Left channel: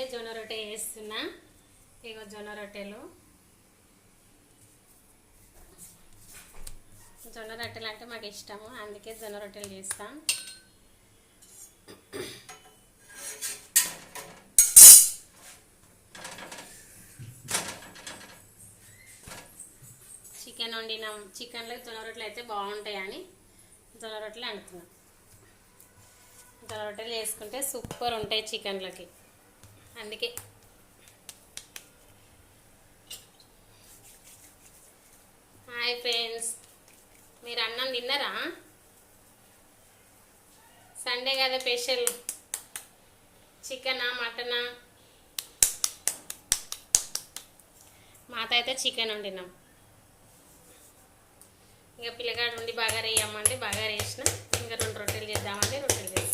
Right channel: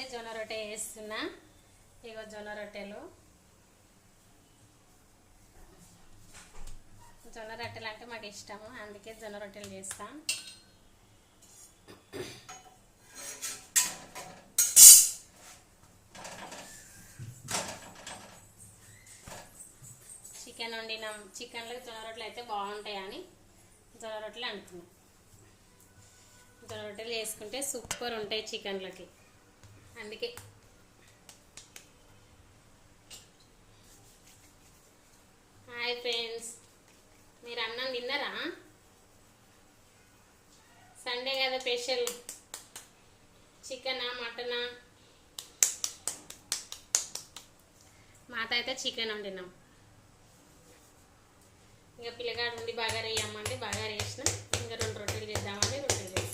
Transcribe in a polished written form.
అందుకే జొన్న రొట్టె చేస్తున్నా. ఇగో జొన్న రొట్టెలు అంటే మాకు ఇష్టము, అందుకే జొన్న రొట్టెలు చేస్తాం. చికెన్ వండినాం, చికెన్లోకి జొన్న రొట్టెలు అయితే బాగుంటాయని జొన్న రొట్టెలు అంటున్నాం. జొన్న రొట్టెలు చేసుకుంటే సూపర్ ఉంటాయి చికెన్లకి, అందుకే. హాయ్ ఫ్రెండ్స్, మీరు అన్నం తిన్నారా? సండే కదా స్పెషల్ చికెనా మటనా? మాత అయితే చికెన్ వండినాం. ఇక పిల్లగాడు ఉండి బగారా వేయమంటే బగారా వేసిన, ఇంకా 2 రొట్టెలు చేద్దామంటే రొట్టెలు చేస్తాం.